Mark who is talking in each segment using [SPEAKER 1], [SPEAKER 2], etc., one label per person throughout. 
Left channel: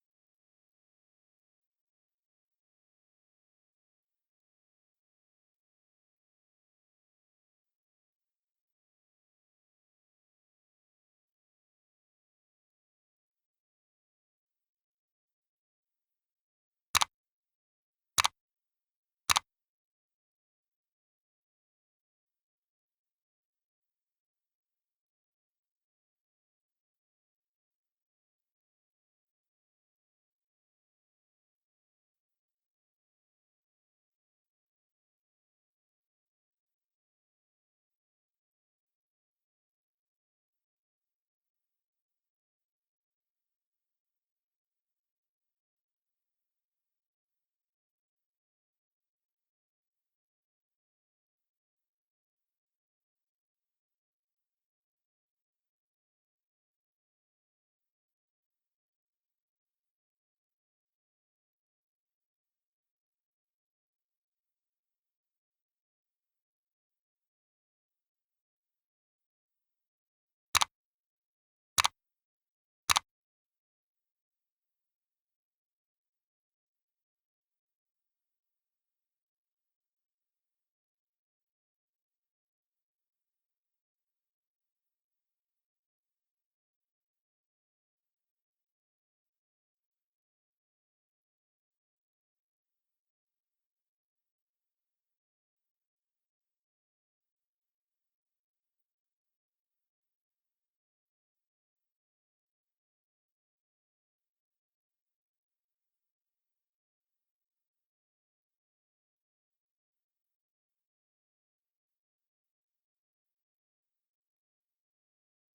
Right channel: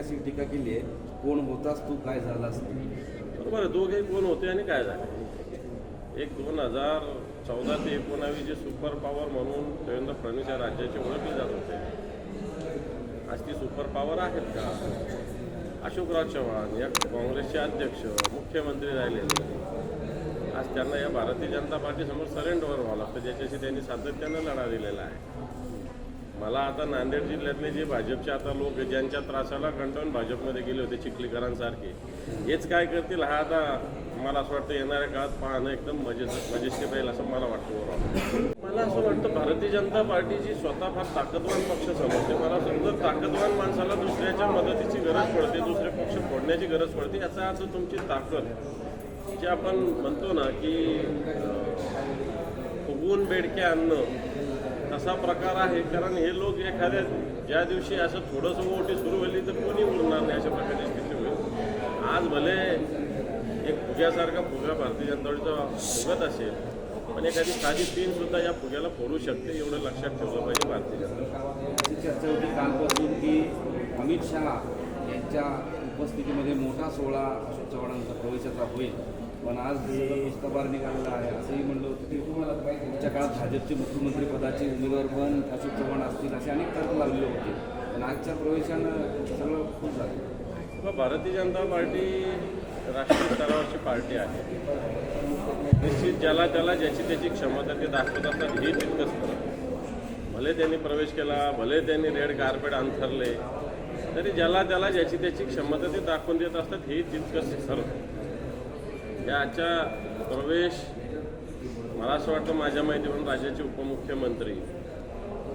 [SPEAKER 1] अशी टीका केली आहे. कोण होतास तू? काय झाला
[SPEAKER 2] बरोबर आहे दोघे कोण होते आणि काय झाले? एक दोन हजार चौदा ते एकोणावीस जे सुपर पॉवर म्हणून देवेंद्र फडणवीस या राज्याचे ओळखले जात होते. आज ती सुपर पॉवर आहेत का? अशोकराव चव्हाण या काँग्रेसचे अध्यक्ष मुख्यमंत्री राहिलेले आज त्यांना या भारतीय जनता पार्टीसमोर सरेंडर व्हावं लागतं. ज्याच्याशी त्यांनी सातत्यानं लढा दिलेला आहे. मला आता नांदेड जिल्ह्यातले जे भाजपचे आता लोक ज्यांच्या त्रासाला कंटाळून भाजपमध्ये गेले होते चिखलीकरांसारखे हेच काय करतील हा आता मला असं वाटतं येणाऱ्या काळात पाहणं एकदम मजेच मजेशीर राहील असं मला वाटतं ओव्हरऑल मला असं वाटतं भारतीय जनता पार्टीची स्वतः फार ताकदवान पक्ष समजते. मला समजा ताकदवान माणसाला दुसऱ्याच्या मदतीची गरज पडते दुसरे पक्ष फोडण्याची गरज पडते याचा अर्थ तुमची ताकद. जे आपण म्हणतो ना की फुगवून बेडके आणणं असा प्रकार आहे कारण हे लोक एखाद्या ज्या दिवशी असं थोडंसं मोठी सुरू झाली तर कोणी बोलणार नाही अशा प्रकारची स्थिती होईल. आज भले एक फुग्यासारखा फुगा भारतीय जनता पार्टीचा फुगत असेल पण एखादी साधी तीन सुद्धा या फुग्याला फोडू शकते एवढं लक्षात ठेवलं पाहिजे भारतीय जनता.
[SPEAKER 1] चर्चा होती कालपासून की अमित शहा यांच्या उपस्थितीमध्ये मोठा सोहळा अशोक चव्हाणांचा प्रवेशाचा होईल. पण आज सगळं निघालेला आहे असंही म्हणलं होतं. की पुढच्या काळात भाजपचे मुख्यमंत्री पदाचे उमेदवार पण अशोक चव्हाण असतील असे अनेक तर्क लागलेले होते. पण आजच्या प्रवेशानं सगळं खूप झालं.
[SPEAKER 2] भारतीय जनता पार्टी राष्ट्रीय स्तरावरची पार्टी आहे. निश्चित ज्याला त्याला ज्याची त्याची क्षमता ते दाखवत असतात हे तितकंच खरं. भले त्यांनी प्रवेश केला भले त्यांनी रेड कार्पेट अंथरले तरी ज्याला त्याला ज्याची त्याची क्षमता ते दाखवून देत असतात हे तितकंच खरं. याच्या प्रवेश मला असं वाटतं माझ्या माहितीवरून राज्याचे उपमुख्यमंत्री.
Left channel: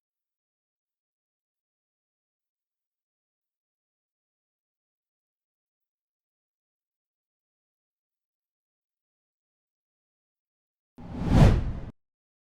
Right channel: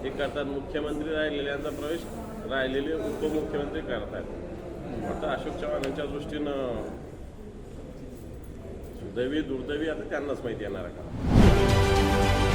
[SPEAKER 2] ते करतात मुख्यमंत्री राहिलेल्यांचा प्रवेश राहिलेले उपमुख्यमंत्री करतात. आता अशोक चव्हाण यांच्या दृष्टीनं सुदैवी दुर्दैवी आता त्यांनाच माहिती येणार का